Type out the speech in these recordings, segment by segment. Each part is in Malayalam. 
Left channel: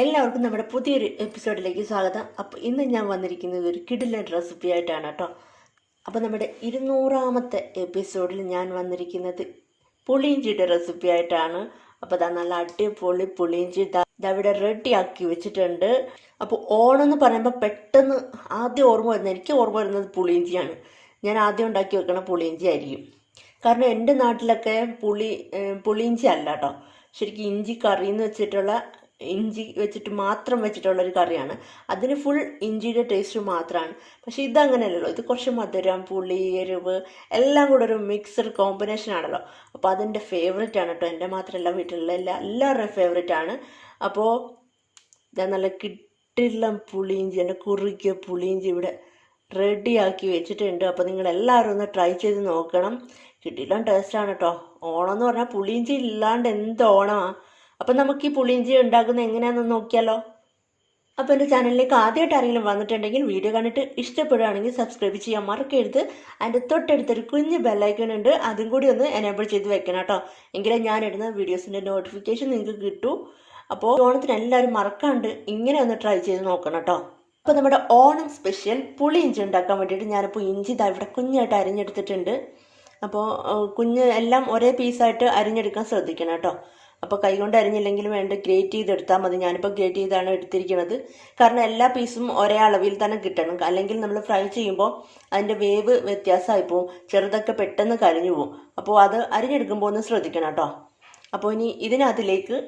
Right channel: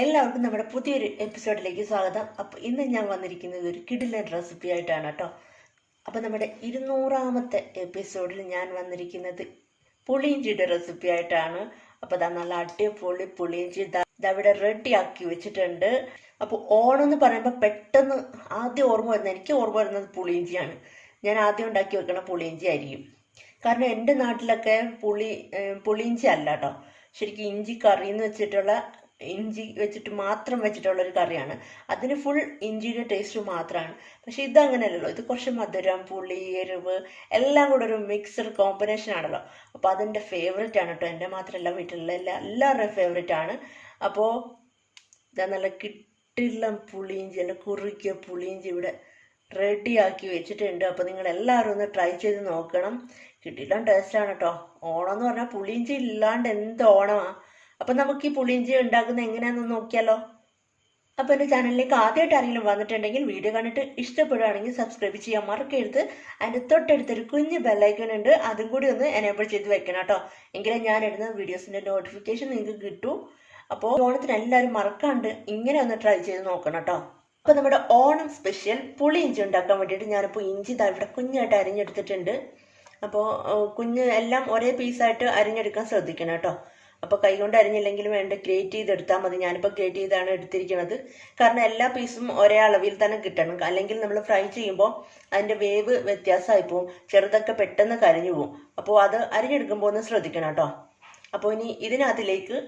എല്ലാവർക്കും നമ്മുടെ പുതിയൊരു എപ്പിസോഡിലേക്ക് സ്വാഗതം. അപ്പോൾ ഇന്ന് ഞാൻ വന്നിരിക്കുന്നത് ഒരു കിടിലൻ റെസിപ്പി ആയിട്ടാണ് കേട്ടോ. അപ്പോൾ നമ്മുടെ 200ാമത്തെ എപ്പിസോഡിൽ ഞാൻ വന്നിരിക്കുന്നത് പുളിയിഞ്ചിയുടെ റെസിപ്പി ആയിട്ടാണ്. അപ്പോൾ ഇതാ നല്ല അടിപൊളി പുളിയിഞ്ചി ഇവിടെ റെഡി ആക്കി വെച്ചിട്ടുണ്ട്. അപ്പോൾ ഓണം എന്ന് പറയുമ്പോൾ പെട്ടെന്ന് ആദ്യം ഓർമ്മ വരുന്നത്, എനിക്ക് ഓർമ്മ വരുന്നത് പുളിയിഞ്ചിയാണ്. ഞാൻ ആദ്യം ഉണ്ടാക്കി വെക്കണ പുളിയിഞ്ചി ആയിരിക്കും. കാരണം എൻ്റെ നാട്ടിലൊക്കെ പുളിയിഞ്ചി അല്ല കേട്ടോ, ശരിക്കും ഇഞ്ചി കറി എന്ന് വെച്ചിട്ടുള്ള ഇഞ്ചി വെച്ചിട്ട് മാത്രം വെച്ചിട്ടുള്ളൊരു കറിയാണ്. അതിന് ഫുൾ ഇഞ്ചിയുടെ ടേസ്റ്റ് മാത്രമാണ്. പക്ഷെ ഇതങ്ങനെയല്ലല്ലോ, ഇത് കുറച്ച് മധുരം, പുളി, എരിവ് എല്ലാം കൂടെ ഒരു മിക്സഡ് കോമ്പിനേഷൻ ആണല്ലോ. അപ്പോൾ അതെൻ്റെ ഫേവറേറ്റ് ആണ് കേട്ടോ. എൻ്റെ മാത്രമല്ല, വീട്ടിലുള്ള എല്ലാവരുടെയും ഫേവറേറ്റ് ആണ്. അപ്പോൾ ഇതാ നല്ല കിട്ടില്ല പുളിയിഞ്ചി, എൻ്റെ കുറുക്കിയ പുളിയിഞ്ചി ഇവിടെ റെഡിയാക്കി വെച്ചിട്ടുണ്ട്. അപ്പോൾ നിങ്ങൾ എല്ലാവരും ഒന്ന് ട്രൈ ചെയ്ത് നോക്കണം. കിട്ടില്ല ടേസ്റ്റാണ് കേട്ടോ. ഓണം എന്ന് പറഞ്ഞാൽ പുളിയിഞ്ചി ഇല്ലാണ്ട് എന്ത് ഓണമാണ്. അപ്പം നമുക്ക് ഈ പുളിയിഞ്ചി ഉണ്ടാക്കുന്നത് എങ്ങനെയാണെന്ന് നോക്കിയാലോ. അപ്പോൾ എൻ്റെ ചാനലിലേക്ക് ആദ്യമായിട്ട് ആരെങ്കിലും വന്നിട്ടുണ്ടെങ്കിൽ വീഡിയോ കണ്ടിട്ട് ഇഷ്ടപ്പെടുകയാണെങ്കിൽ സബ്സ്ക്രൈബ് ചെയ്യാൻ മറക്കരുത്. അതിൻ്റെ തൊട്ടടുത്തൊരു കുഞ്ഞ് ബെല്ലൈക്കൺ ഉണ്ട്, അതും കൂടി ഒന്ന് എനേബിൾ ചെയ്ത് വെക്കണം കേട്ടോ. എങ്കിലേ ഞാൻ ഇടുന്ന വീഡിയോസിൻ്റെ നോട്ടിഫിക്കേഷൻ നിങ്ങൾക്ക് കിട്ടൂ. അപ്പോൾ ഓണത്തിന് എല്ലാവരും മറക്കാണ്ട് ഇങ്ങനെ ഒന്ന് ട്രൈ ചെയ്ത് നോക്കണം കേട്ടോ. അപ്പോൾ നമ്മുടെ ഓണം സ്പെഷ്യൽ പുളിയിഞ്ചി ഉണ്ടാക്കാൻ വേണ്ടിയിട്ട് ഞാനിപ്പോൾ ഇഞ്ചി ഇവിടെ കുഞ്ഞായിട്ട് അരിഞ്ഞെടുത്തിട്ടുണ്ട്. അപ്പോൾ കുഞ്ഞ് എല്ലാം ഒരേ പീസായിട്ട് അരിഞ്ഞെടുക്കാൻ ശ്രദ്ധിക്കണം കേട്ടോ. അപ്പോൾ കൈകൊണ്ട് അരിഞ്ഞില്ലെങ്കിൽ വേണ്ട ഗ്രേറ്റ് ചെയ്തെടുത്താൽ മതി. ഞാനിപ്പോൾ ഗ്രേറ്റ് ചെയ്താണ് എടുത്തിരിക്കുന്നത്. കാരണം എല്ലാ പീസും ഒരേ അളവിൽ തന്നെ കിട്ടണം. അല്ലെങ്കിൽ നമ്മൾ ഫ്രൈ ചെയ്യുമ്പോൾ അതിൻ്റെ വേവ് വ്യത്യാസമായി പോവും, ചെറുതൊക്കെ പെട്ടെന്ന് കരിഞ്ഞു പോവും. അപ്പോൾ അത് അരിഞ്ഞെടുക്കുമ്പോൾ ഒന്ന് ശ്രദ്ധിക്കണം കേട്ടോ. അപ്പോൾ ഇനി ഇതിനകത്തിലേക്ക്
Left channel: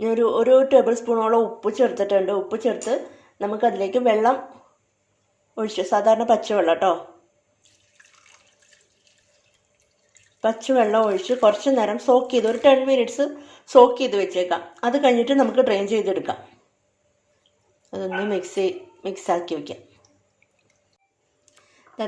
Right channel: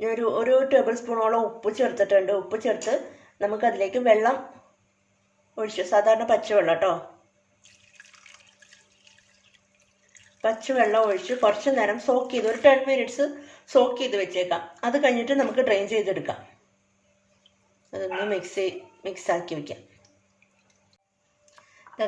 ഞാനൊരു 1 ടേബിൾ സ്പൂണോളം ഉപ്പ് ചേർത്തിട്ടുണ്ട്. ഉപ്പ് ചേർത്ത് നമുക്കതിലേക്ക് വെള്ളം ഒഴിച്ചു, സാധാരണ പച്ചവെള്ളം കേട്ടോ, പച്ചവെള്ളം ഒഴിച്ച് കുറച്ച് നേരം സോക്ക് ചെയ്ത് ഒരു 10 മിനിറ്റ്സ് സോക്ക് ചെയ്ത് വെച്ചേക്കാം. അത് കഴിഞ്ഞിട്ട് നമുക്ക് ഡ്രെയിൻ ചെയ്തെടുക്കാം. അതൊന്ന് മിക്സ് ആക്കി വയ്ക്കാം.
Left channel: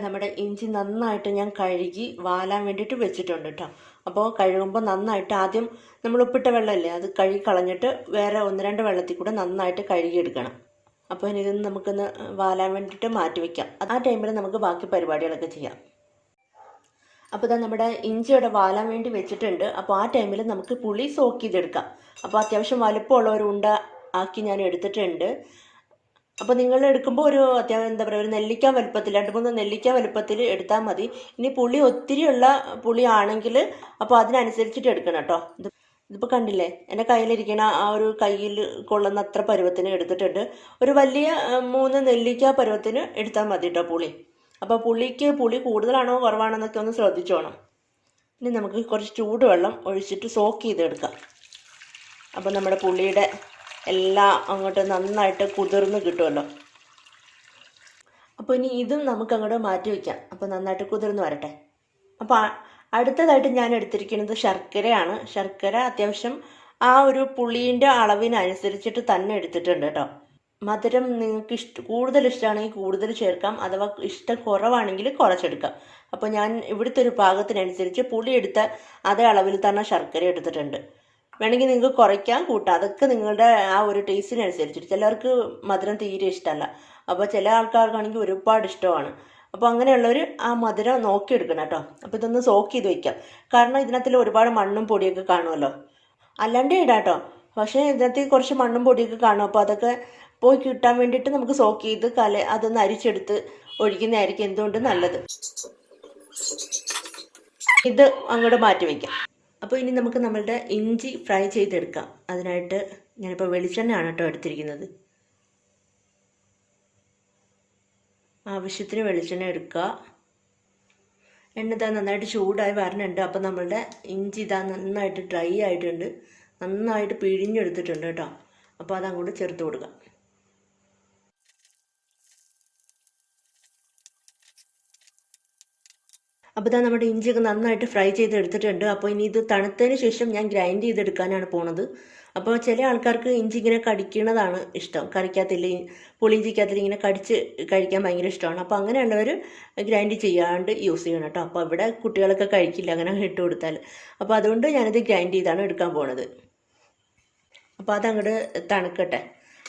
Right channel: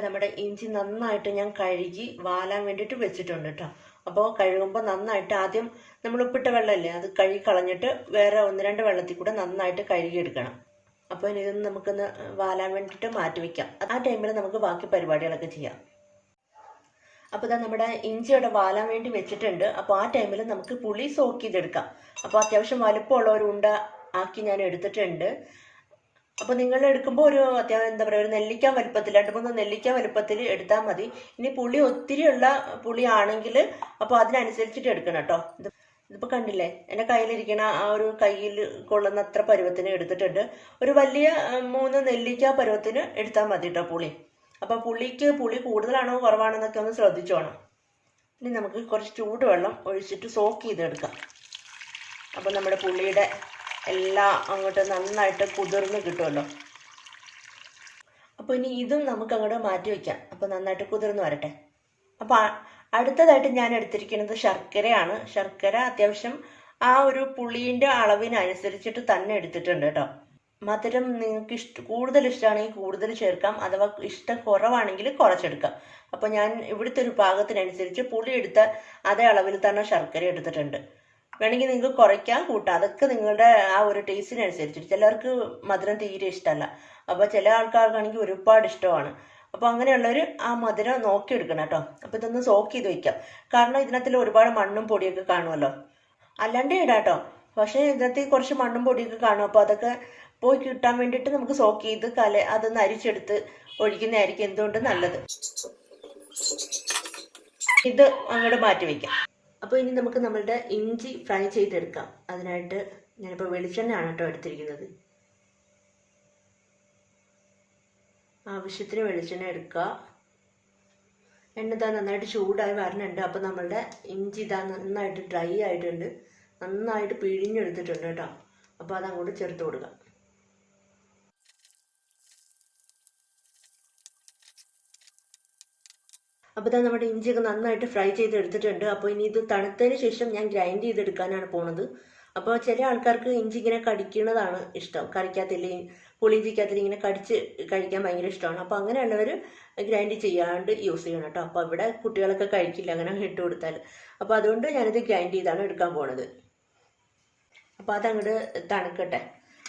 നമ്മുടെ ഇഞ്ചി നന്നായിട്ട് ഞാൻ കഴുകി വാലാൻ വേണ്ടിയിട്ട് വെച്ചിട്ടുണ്ട് കേട്ടോ. അപ്പോൾ കഴുകുമ്പോൾ നന്നായിട്ട് ആദ്യം നമ്മൾ ഉപ്പിട്ട വെള്ളമല്ലേ, അത് കഴുകി കളഞ്ഞിട്ട് വേറെ 1-2 വെള്ളത്തിൽ കൂടെ നന്നായിട്ട് കഴുകിയെടുക്കണം. അപ്പോൾ ഇനി ഇതൊന്ന് നമുക്കൊന്ന് വാലാൻ വേണ്ടിയിട്ട് മാറ്റി വയ്ക്കാം. ആ ടൈമിൽ നമുക്ക് ബാക്കി പരിപാടികളൊക്കെ ചെയ്യാം. അപ്പോൾ ഇതാ നമ്മുടെ ഇഞ്ചിയുടെ വാലാൻ വേണ്ടി വെച്ചിട്ടുണ്ട്. അപ്പോൾ ആ ടൈമിൽ നമുക്ക് പുളി സോക്ക് ചെയ്തെടുക്കാം. അപ്പോൾ അത്യാവശ്യം വലുപ്പമുള്ള ഒരു ഉണ്ട ആക്കി ഞാൻ എടുത്തിട്ടുണ്ട്. അപ്പോൾ നിങ്ങൾ എടുക്കുമ്പോൾ ഒരു എന്താ പറയുക, ഒരു നെല്ലിക്ക വലുപ്പത്തിൽ 2-3 നെല്ലിക്ക വലുപ്പത്തിൽ എടുത്താൽ മതി. ഇനി പുളി ഒത്തിരിയുള്ള പുളി ആണെങ്കിൽ അപ്പോൾ അതിനനുസരിച്ചിട്ട് എടുക്കണം കേട്ടോ. ഇതിപ്പോൾ കണ്ടില്ലേ, എൻ്റെ കയ്യിലിരിക്കണ ആ ഒരു കയ്യിൽ കൊള്ളുന്ന അത്ര പരുവത്തിന് എടുത്തിട്ടുണ്ട്. ഒരു വലിയ 3 നെല്ലിക്ക പരുവത്തിന് എടുത്താൽ മതി കേട്ടോ പുളി. അപ്പോൾ പുളി കൂടുതലാണോ കുറവാണോ എന്നൊക്കെ ഒന്ന് ശ്രദ്ധിച്ചോണം. ഇനി നമുക്ക് കുറച്ച് ചൂടുവെള്ളം ഒഴിച്ചിട്ട് സോക്ക് ചെയ്തെടുക്കാം. അപ്പോൾ നമ്മുടെ പുളിയുടെ എല്ലാം അങ്ങോട്ട് നന്നായിട്ട് കുതിർന്ന് കിട്ടുമല്ലോ. അപ്പോൾ ഇനി ഇതും നമുക്ക് അങ്ങോട്ട് മാറ്റി വയ്ക്കാം. അപ്പോൾ നന്നായിട്ട് കുതിർന്ന് വരട്ടെ. അപ്പോൾ അടുത്തതായിട്ട് ഞാൻ എടുത്തിരിക്കുന്നത് ശർക്കരയാണ്. ശർക്കര അത്യാവശ്യം ആ ഒരു പുളീൻ്റെ അളവിനനുസരിച്ചിട്ട് തന്നെ എടുത്തിട്ടുണ്ട് കേട്ടോ. മധുരം നിങ്ങൾക്ക് കൂടുതൽ ഇഷ്ടമാണെങ്കിൽ കൂടുതൽ ചേർക്കാം, അഥവാ ഇഷ്ടം കുറവാണെങ്കിൽ കുറച്ചെടുക്കാം. അപ്പോൾ ഞാൻ ഇവിടുത്തെ ഒരു പാകത്തിനനുസരിച്ച് പുളി എടുത്ത അതേ അളവിൽ തന്നെ ശർക്കര എടുത്തിട്ടുണ്ട്. വേണമെങ്കിൽ നിങ്ങൾക്ക് കുറയ്ക്കാം, കൂട്ടാം, അതൊക്കെ നിങ്ങളുടെ ആ ഒരു ടേസ്റ്റിനനുസരിച്ചിട്ട്. ചിലർക്ക് മധുരം തീരെ ഇഷ്ടമല്ല, അപ്പോൾ ചില ആൾക്കാർക്കാണെങ്കിൽ ഒരുപാട് ഇഷ്ടമാണ്. അപ്പോൾ അങ്ങനെയുള്ളവർ ആ മധുരം നോക്കിയെടുക്കണം കേട്ടോ. അപ്പോൾ ഇതൊന്ന് സോക്ക് ചെയ്ത് വയ്ക്കാം. കാരണം ഇതിനകത്തിൽ ഒരുപാട് മണ്ണും പൊടിയൊക്കെ കാണുമല്ലോ, അല്ലാണ്ട് ഇടാം കേട്ടോ. പക്ഷേ ഇതിനകത്ത് കുറച്ച് മണ്ണും പൊടിയൊക്കെ കാണും. അപ്പോൾ അതൊക്കെ പോയി കിട്ടാൻ വേണ്ടിയിട്ട് നമുക്ക് സോക്ക് ചെയ്ത് അതൊന്ന് അരിച്ചെടുത്ത് ഒഴിക്കുന്നതായിരിക്കും എന്തുകൊണ്ട് നല്ലത്. ഇത് അങ്ങോട്ട് മാറ്റി വയ്ക്കാം. അപ്പോൾ ഇനി നമുക്ക് നമ്മളുടെ ഇഞ്ചി ഫ്രൈ ചെയ്തെടുക്കാം. അതിനായിട്ട് ഞാനിപ്പോൾ വെളിച്ചെണ്ണയാണ് കേട്ടോ എടുത്തിരിക്കുന്നത്. ആവശ്യത്തിന് വെളിച്ചെണ്ണ എടുക്കുക. എണ്ണ ഇതാ നന്നായിട്ട് ചൂടായി വരണുണ്ട്. അപ്പോൾ നമ്മളുടെ ഇഞ്ചി ഇതാ നന്നായിട്ട് ഡ്രൈ ആയിട്ടുണ്ട്, നന്നായിട്ട് പിഴിഞ്ഞെടുത്തിട്ടുണ്ട് കേട്ടോ. അപ്പോൾ അതങ്ങോട്ട് ചേർത്ത് കൊടുക്കുക. അപ്പോൾ ഇതാ നമ്മുടെ ഇഞ്ചിയൊക്കെ നന്നായിട്ട് ഫ്രൈ ചെയ്തെടുത്തിട്ടുണ്ട്. അപ്പോൾ ഇനി ഇത് തണുത്തതിന് ശേഷം ഞാൻ ഗ്രൈൻഡ് ചെയ്തെടുക്കാനാണ് പോണത്. അപ്പോൾ ചില ആൾക്കാർക്ക് ഇഞ്ചി ഇങ്ങനെ കടിക്കുന്നതാണ് ഇഷ്ടം, കറിക്കകത്തില്ല പുളിയിഞ്ചിക്കകത്തിൽ ഇങ്ങനെ കടിച്ച് കഴിക്കാൻ ഭയങ്കര ഇഷ്ടമാണ്. അപ്പോൾ അങ്ങനെയുള്ളവർ ഗ്രൈൻഡ് ചെയ്യാണ്ട് യൂസ് ചെയ്യണം കേട്ടോ. അപ്പോൾ ഇവിടെ കുട്ടികളൊക്കെ കഴിക്കില്ല അങ്ങനെ ഇട്ട് കൊടുത്താൽ. അപ്പോൾ അതുകൊണ്ട് ഞാനിത് ഗ്രൈൻഡ് ചെയ്താണ് എടുക്കാൻ പോണത്. അപ്പോൾ അതങ്ങോട്ട് തണുക്കട്ടെ.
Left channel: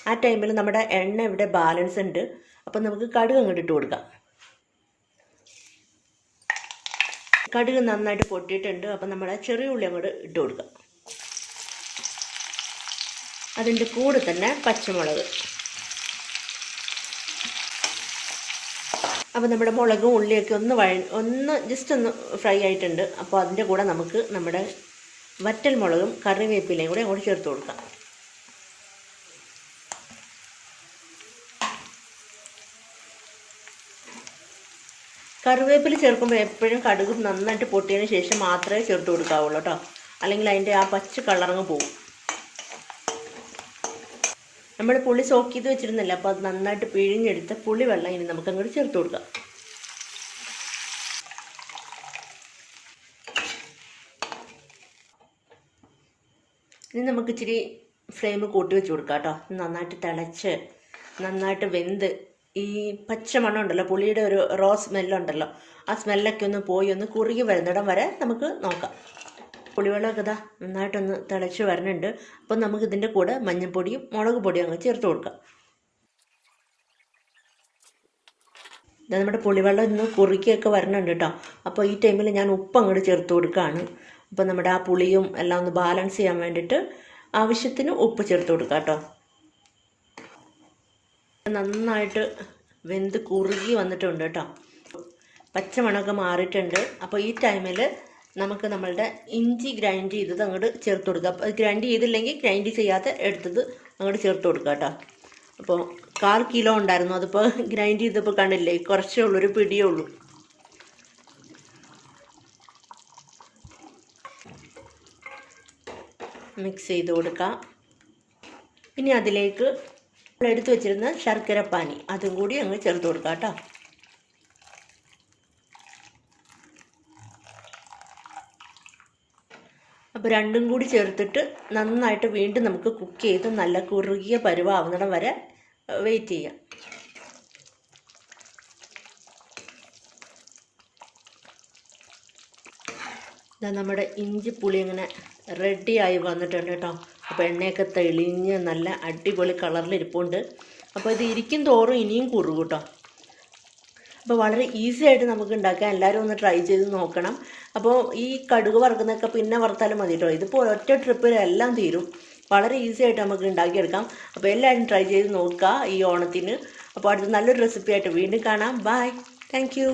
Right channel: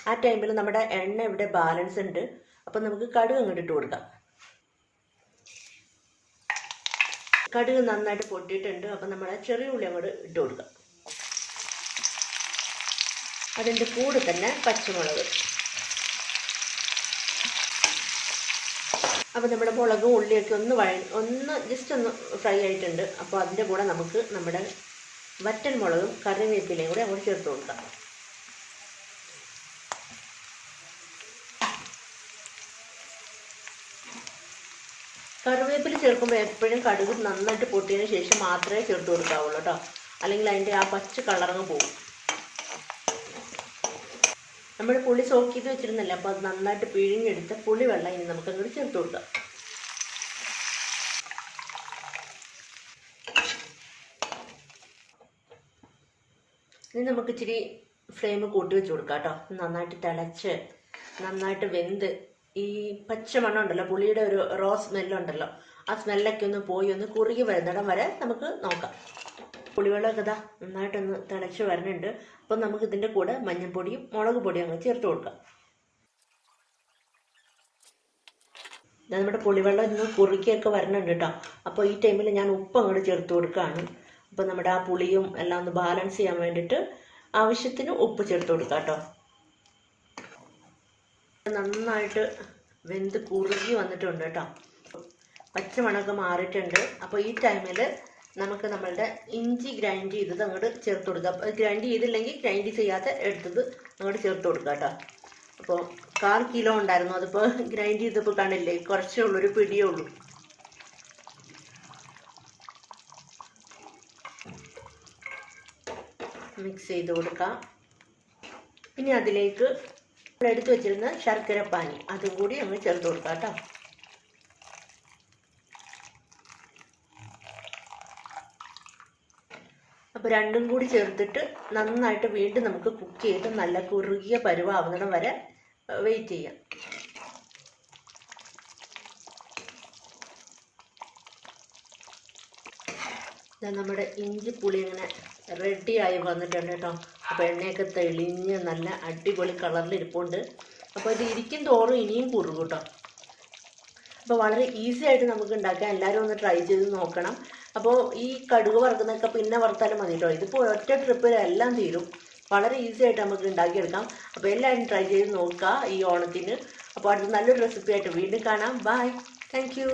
ആ ടൈമിൽ നമ്മുടെ എണ്ണ ഇവിടെ ബാലൻസ് ഉണ്ട്. അപ്പോൾ നമുക്ക് കടുക് അങ്ങോട്ട് ഇട്ട് കൊടുക്കാം. കടുക് നന്നായിട്ട് പൊട്ടിയിട്ടുണ്ട്. അപ്പം നമ്മൾ ചെറിയ ഉള്ളി അങ്ങോട്ട് ഇട്ട് കൊടുക്കാം. അതിൻ്റെ കൂടെ തന്നെ പച്ചമുളക്. അപ്പോൾ നമ്മുടെ മുളകും ഉള്ളിയൊക്കെ ഒന്ന് ജസ്റ്റ് ഒന്ന് ഫ്രൈ ആയിട്ടുണ്ട്. അപ്പോൾ അതിൻ്റെ കൂടെ നമുക്ക് നമ്മുടെ വറ്റൽ മുളകും കറിവേപ്പിലയും കൂടെ അങ്ങോട്ട് ചേർത്ത് കൊടുക്കാം. കറിവേപ്പില ചേർക്കുമ്പോൾ എപ്പോഴും കടുക് നന്നായിട്ട് പൊട്ടിയതിന് ശേഷം മാത്രമേ ചേർത്ത് കൊടുക്കാവുള്ളൂ കേട്ടോ, അല്ലെങ്കിൽ അതിൻ്റെ ആ പച്ച കളറങ്ങ് പോകും. നമ്മൾ പുളി സോക്ക് ചെയ്ത് വെച്ചിരുന്നില്ല, അപ്പോൾ അത് നന്നായിട്ട് പിഴിഞ്ഞെടുത്ത് പുളി വെള്ളം ഇനി നമുക്ക് അങ്ങോട്ട് ചേർത്ത് കൊടുക്കാം. ഇനി നമുക്ക് ഇച്ചിരി ഫ്ലെയിം കൂട്ടി വെച്ച് കൊടുക്കാം കേട്ടോ. നന്നായിട്ട് തിളച്ച് നന്നായിട്ട് വെന്ത് ഈ പച്ചമണം ഉണ്ടല്ലോ, പുളിയുടെ ഒരു റോ സ്മെല്ലുണ്ടല്ലോ, ആ സ്മെല്ലൊക്കെ ഒന്ന് പോയി ഒന്ന് കുറുകി വരുന്നിടം വരെ നമുക്ക് നോക്കാം. പുളിവെള്ളമൊക്കെ ഇതാ നന്നായിട്ടൊന്ന് തിളച്ച് വരുന്നുണ്ട്. അപ്പം നമുക്ക് ഇതിൻ്റെ കൂടെ മഞ്ഞൾപ്പൊടിയും മുളക് പൊടിയും അങ്ങ് ചേർത്ത് കൊടുക്കാം. നമ്മുടെ പുളിവെള്ളം ഇന്ന് കുറുക്കിയൊക്കെ വരുന്നുണ്ട് കേട്ടോ. അപ്പോൾ ഈ ടൈമിൽ ഞാൻ ഉപ്പ് അങ്ങോട്ട് ചേർത്ത് കൊടുക്കുകയാണ്. അപ്പോൾ നമ്മുടെ ആ പുളിയും എല്ലാം ഒന്ന് ബാലൻസ് ചെയ്യാൻ വേണ്ടിയിട്ട് ആവശ്യത്തിന് ഉപ്പ് ചേർത്ത് കൊടുക്കാം കേട്ടോ. നന്നായിട്ട് വെന്ത് കുറുകി വന്നിട്ടുണ്ട് കേട്ടോ, പച്ചമണമൊക്കെ മാറിയിട്ടുണ്ട്. അപ്പോൾ ഈ ടൈമിൽ നമുക്ക് നമ്മളുടെ ഇഞ്ചി ഗ്രൈൻഡ് ചെയ്തത് അങ്ങോട്ട് ചേർത്ത് കൊടുക്കാം. അത് ഗ്രൈൻഡ് ചെയ്തില്ലെങ്കിൽ ഗ്രൈൻഡ് ചെയ്യാതെ എടുത്തത് അങ്ങോട്ട് ചേർത്ത് കൊടുക്കാം കേട്ടോ. അപ്പോൾ 1/4 കിലോ ഉണ്ടായിരുന്നു, അതിപ്പോൾ ഗ്രൈൻഡ് ചെയ്തപ്പോൾ കാണില്ലേ, കുറച്ചേ ഉള്ളൂ, ഒരു പിടിയേ ഉള്ളൂ. മിക്സ് ചെയ്ത് കൊടുക്കാം. ഇനി അതിലേക്ക് എടുത്തു വെച്ചിരുന്ന ശർക്കര പാനി അതും കൂടി അങ്ങ് ചേർത്ത് കൊടുക്കാം കേട്ടോ. അപ്പോൾ രണ്ടും കൂടി ചേർത്തിട്ട് നന്നായിട്ട് വീണ്ടും നമുക്ക് കുക്ക് ചെയ്ത് നല്ല കുറുകിയ പരുവാവുന്നിടം വരെ വെയിറ്റ് ചെയ്യാം. നമ്മുടെ ഇഞ്ചിപ്പുളി ഇങ്ങനെ റെഡിയായി വന്നിട്ടുണ്ട് കേട്ടോ. അപ്പോൾ എണ്ണയൊക്കെ തെളിഞ്ഞ് നല്ല അടിപൊളി കളറിലിരിപ്പുണ്ട്. അപ്പോൾ ഇത് ഇരിക്കും തോറും ഇനിയും കുറുകും കേട്ടോ. അപ്പോൾ വളരെ ഈസി ആയിട്ട് നമുക്ക് ഉണ്ടാക്കാം. എല്ലാവരും ഒന്ന് ട്രൈ ചെയ്ത് നോക്കണം. അപ്പോൾ ഈ കടുക് വറുക്കുന്നതൊക്കെ പിന്നെ വറുത്താലും മതി കേട്ടോ. ഇതിപ്പോൾ ഒറ്റ ട്രിപ്പിൽ എല്ലാം തീരും. വളരെ ഈസി ആയിട്ട് നമുക്ക് ഉണ്ടാക്കിയെടുക്കാം. അപ്പോൾ എല്ലാവരും ട്രൈ ചെയ്ത് നോക്കുക ഈ ഓണത്തിന്. അപ്പോൾ അടുത്ത നല്ലൊരു റെസിപ്പി ആയിട്ട് വീണ്ടും കാണാം. Bye, thank U.